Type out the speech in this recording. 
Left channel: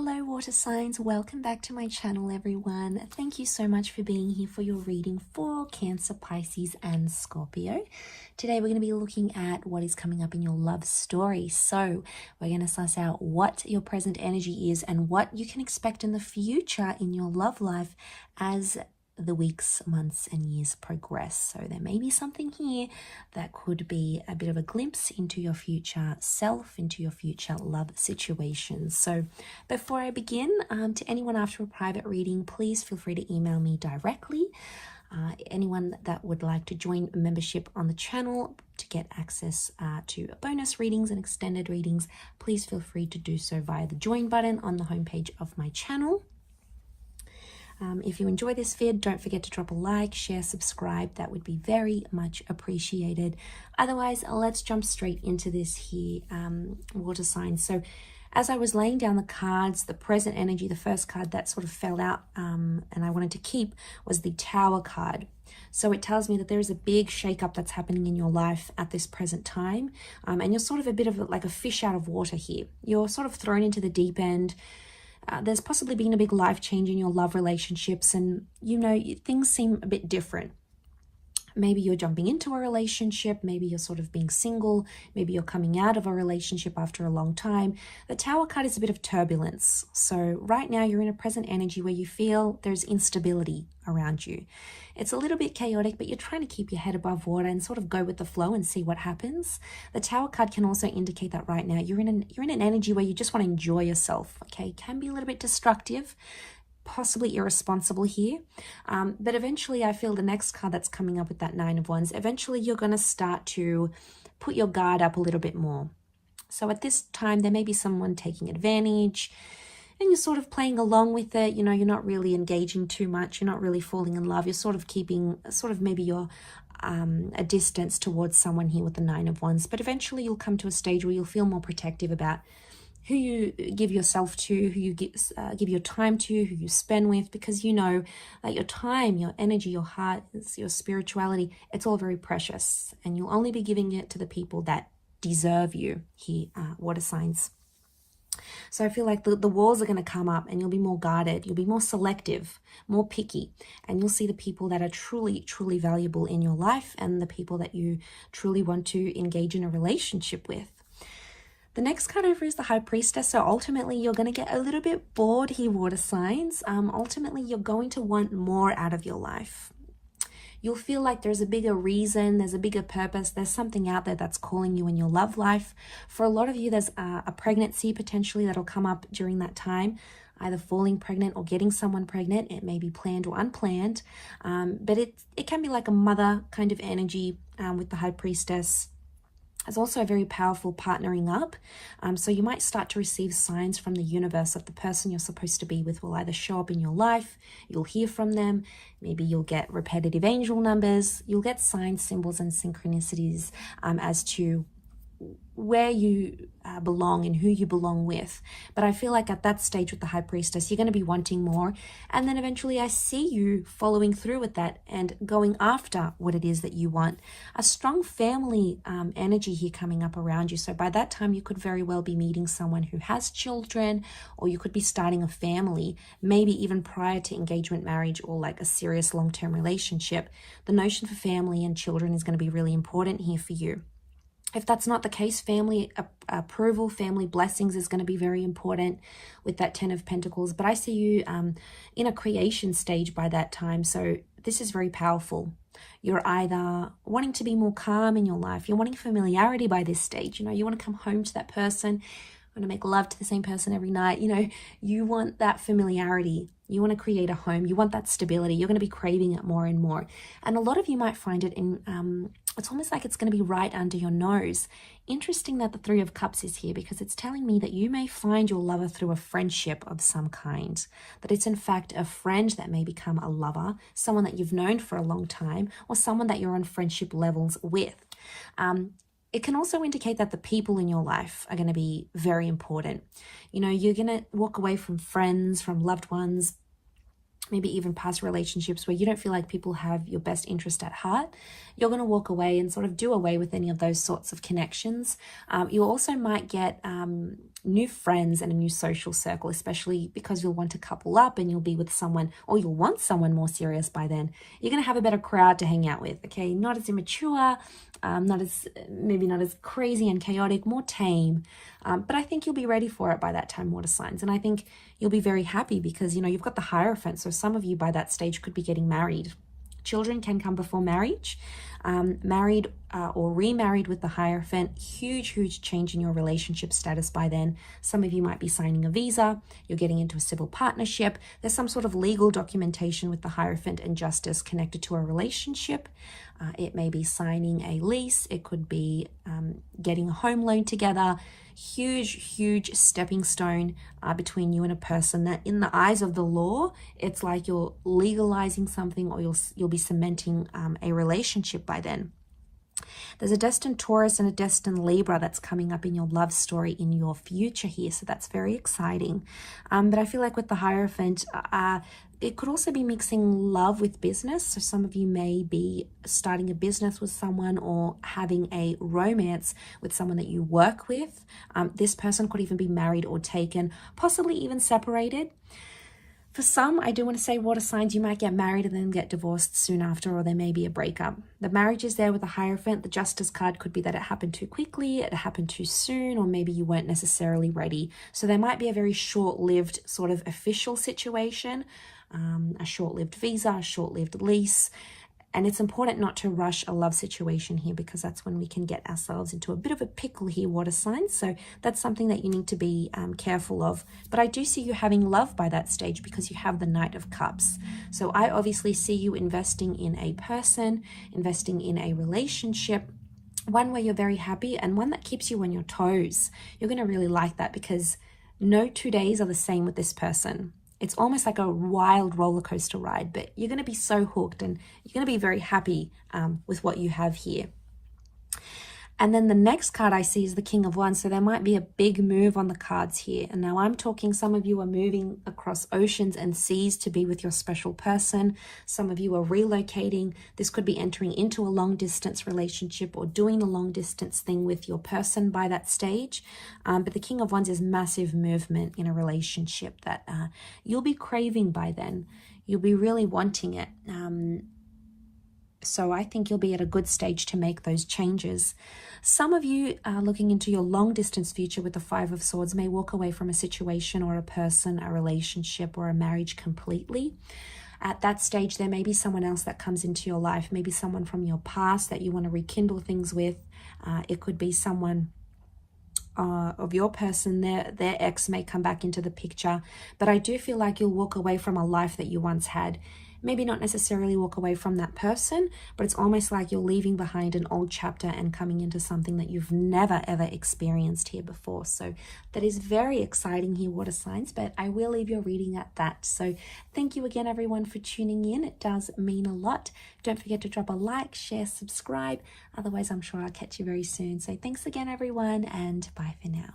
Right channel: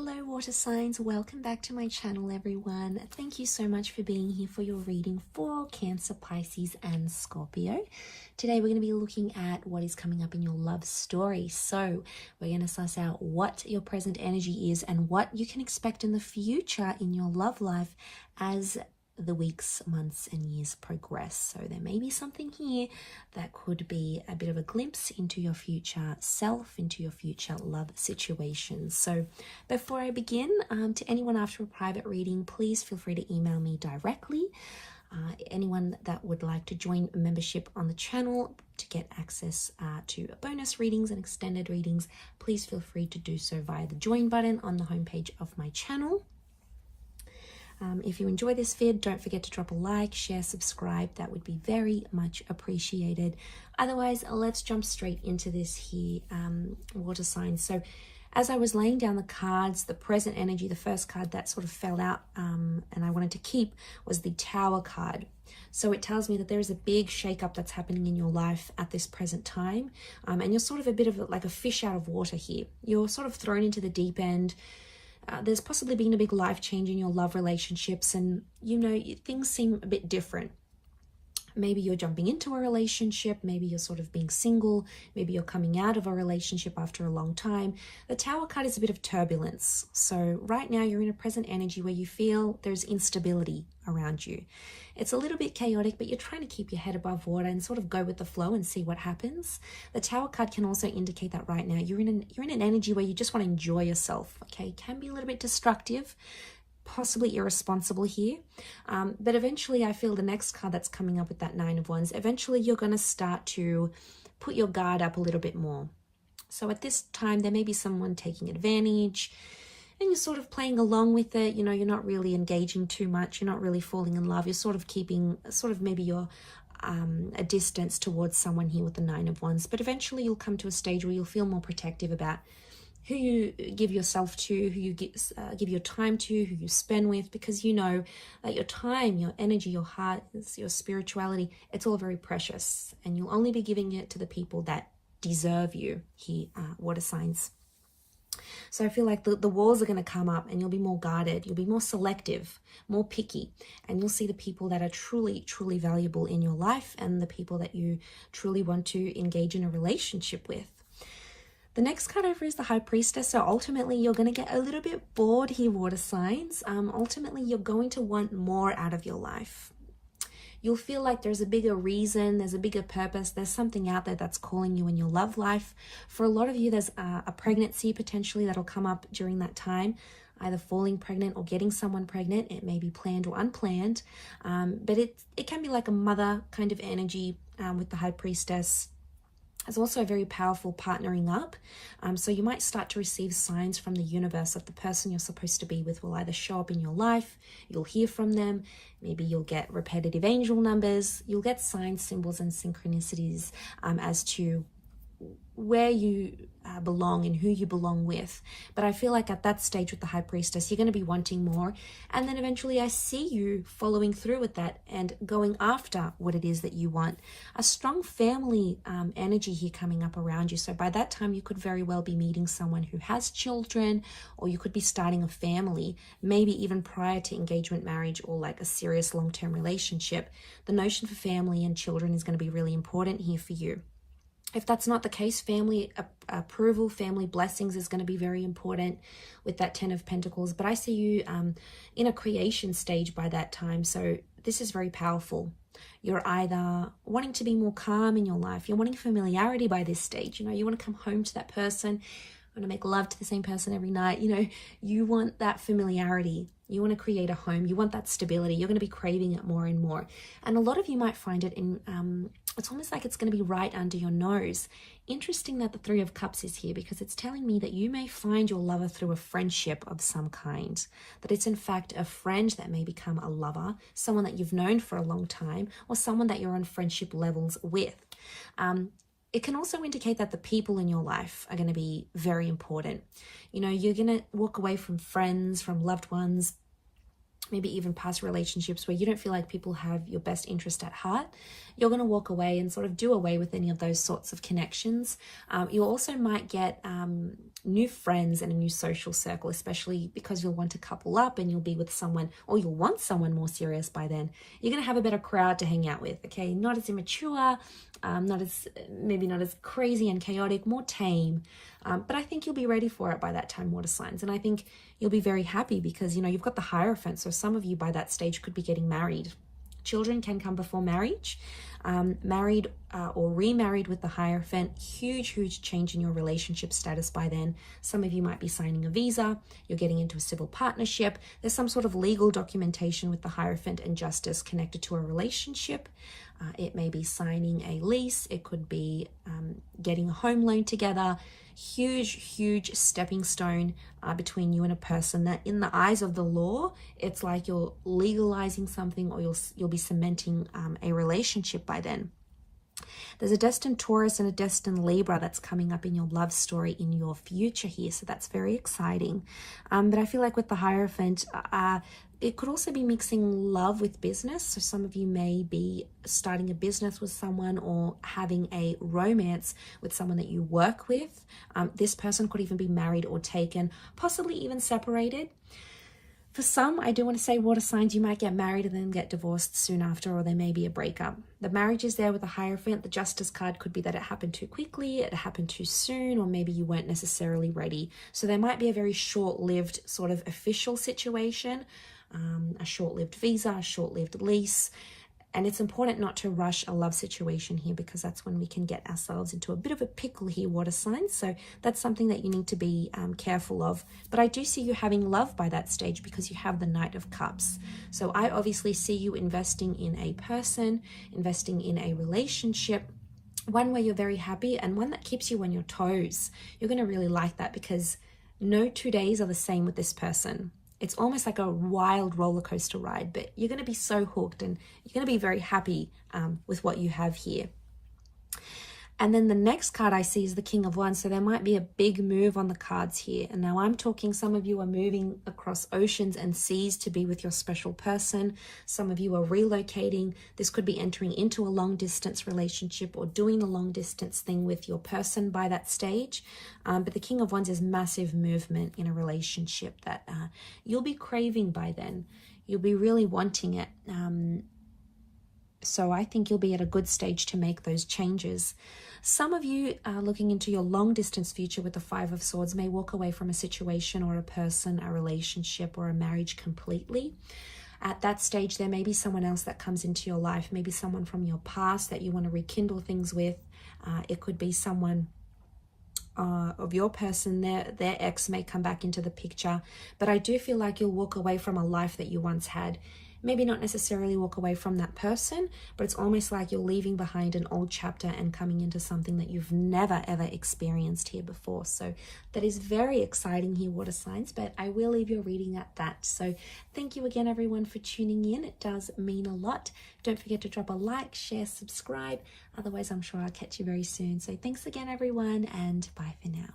Hello water signs, welcome back to my channel everyone. Thank you so much for being here for your reading for Cancer, Pisces and Scorpio. Today we're going to be looking at what is coming up in your love story. So we're going to suss out what your present energy is and what you can expect in the future in your love life as the weeks, months and years progress. So there may be something here that could be a bit of a glimpse into your future self, into your future love situations. So before I begin, to anyone after a private reading, please feel free to email me directly. Anyone that would like to join a membership on the channel to get access to bonus readings and extended readings, please feel free to do so via the join button on the homepage of my channel. If you enjoy this vid, don't forget to drop a like, share, subscribe. That would be very much appreciated. Otherwise, let's jump straight into this here, water signs. So as I was laying down the cards, the present energy, the first card that sort of fell out and I wanted to keep was the Tower card. So it tells me that there is a big shakeup that's happening in your life at this present time. And you're sort of a bit of like a fish out of water here. You're sort of thrown into the deep end. There's possibly been a big life change in your love relationships and, you know, things seem a bit different. Maybe you're jumping into a relationship, maybe you're sort of being single, maybe you're coming out of a relationship after a long time. The Tower card is a bit of turbulence. So right now you're in a present energy where you feel there's instability around you. It's a little bit chaotic, but you're trying to keep your head above water and sort of go with the flow and see what happens. The Tower card can also indicate that right now you're in an energy where you just want to enjoy yourself, okay? It can be a little bit destructive, possibly irresponsible here, but eventually I feel the next card that's coming up with that Nine of Wands, eventually you're going to start to put your guard up a little bit more. So at this time there may be someone taking advantage and you're sort of playing along with it. You know, you're not really engaging too much, you're not really falling in love, you're sort of keeping maybe you're a distance towards someone here with the Nine of Wands, but eventually you'll come to a stage where you'll feel more protective about who you give yourself to, who you give your time to, who you spend with, because you know that your time, your energy, your heart, your spirituality, it's all very precious, and you'll only be giving it to the people that deserve you here, water signs. So I feel like the walls are going to come up and you'll be more guarded, you'll be more selective, more picky, and you'll see the people that are truly, truly valuable in your life and the people that you truly want to engage in a relationship with. The next card over is the High Priestess. So ultimately, you're going to get a little bit bored here, water signs. Ultimately, you're going to want more out of your life. You'll feel like there's a bigger reason, there's a bigger purpose, there's something out there that's calling you in your love life. For a lot of you, there's a pregnancy potentially that'll come up during that time, either falling pregnant or getting someone pregnant. It may be planned or unplanned, but it can be like a mother kind of energy with the High Priestess. It's also a very powerful partnering up. So you might start to receive signs from the universe that the person you're supposed to be with will either show up in your life, you'll hear from them, maybe you'll get repetitive angel numbers, you'll get signs, symbols, and synchronicities as to where you belong and who you belong with. But I feel like at that stage with the High Priestess, you're going to be wanting more, and then eventually I see you following through with that and going after what it is that you want. A strong family energy here coming up around you. So by that time you could very well be meeting someone who has children, or you could be starting a family, maybe even prior to engagement, marriage, or like a serious long-term relationship. The notion for family and children is going to be really important here for you. If that's not the case, family approval, family blessings is going to be very important with that Ten of Pentacles. But I see you in a creation stage by that time. So this is very powerful. You're either wanting to be more calm in your life. You're wanting familiarity by this stage. You know, you want to come home to that person, want to make love to the same person every night. You know, you want that familiarity. You want to create a home. You want that stability. You're going to be craving it more and more. And a lot of you might find it in, it's almost like it's going to be right under your nose. Interesting that the Three of Cups is here, because it's telling me that you may find your lover through a friendship of some kind. That it's in fact a friend that may become a lover, someone that you've known for a long time, or someone that you're on friendship levels with. It can also indicate that the people in your life are going to be very important. You know, you're going to walk away from friends, from loved ones, maybe even past relationships where you don't feel like people have your best interest at heart. you're going to walk away and sort of do away with any of those sorts of connections. You also might get new friends and a new social circle, especially because you'll want to couple up and you'll be with someone, or you'll want someone more serious by then. You're going to have a better crowd to hang out with, okay? Not as immature, maybe not as crazy and chaotic, more tame. But I think you'll be ready for it by that time, water signs. And I think you'll be very happy because, you know, you've got the Hierophant. So some of you by that stage could be getting married. Children can come before marriage. Married or remarried with the Hierophant, huge change in your relationship status by then. Some of you might be signing a visa, you're getting into a civil partnership, there's some sort of legal documentation with the Hierophant and Justice connected to a relationship. It may be signing a lease, it could be getting a home loan together. Huge stepping stone between you and a person that in the eyes of the law, it's like you're legalizing something, or you'll be cementing a relationship by then. There's a destined Taurus and a destined Libra that's coming up in your love story in your future here, so that's very exciting. But I feel like with the Hierophant, it could also be mixing love with business. So some of you may be starting a business with someone or having a romance with someone that you work with. This person could even be married or taken, possibly even separated. For some, I do want to say, water signs, you might get married and then get divorced soon after, or there may be a breakup. The marriage is there with the Hierophant. The Justice card could be that it happened too quickly, it happened too soon, or maybe you weren't necessarily ready. So there might be a very short-lived sort of official situation, a short-lived visa, a short-lived lease. And it's important not to rush a love situation here, because that's when we can get ourselves into a bit of a pickle here, water signs. So that's something that you need to be careful of. But I do see you having love by that stage because you have the Knight of Cups. So I obviously see you investing in a person, investing in a relationship, one where you're very happy and one that keeps you on your toes. You're going to really like that because no 2 days are the same with this person. It's almost like a wild roller coaster ride, but you're going to be so hooked and you're going to be very happy with what you have here. And then the next card I see is the King of Wands. So there might be a big move on the cards here. And now I'm talking, some of you are moving across oceans and seas to be with your special person. Some of you are relocating. This could be entering into a long distance relationship or doing a long distance thing with your person by that stage. But the King of Wands is massive movement in a relationship that you'll be craving by then. You'll be really wanting it. So I think you'll be at a good stage to make those changes. Some of you looking into your long distance future with the Five of Swords may walk away from a situation or a person, a relationship or a marriage completely. At that stage, there may be someone else that comes into your life, maybe someone from your past that you want to rekindle things with. It could be someone of your person, their ex may come back into the picture. But I do feel like you'll walk away from a life that you once had. Maybe not necessarily walk away from that person, but it's almost like you're leaving behind an old chapter and coming into something that you've never ever experienced here before. So that is very exciting here, water signs, but I will leave your reading at that. So thank you again, everyone, for tuning in. It does mean a lot. Don't forget to drop a like, share, subscribe. Otherwise, I'm sure I'll catch you very soon. So thanks again, everyone, and bye for now.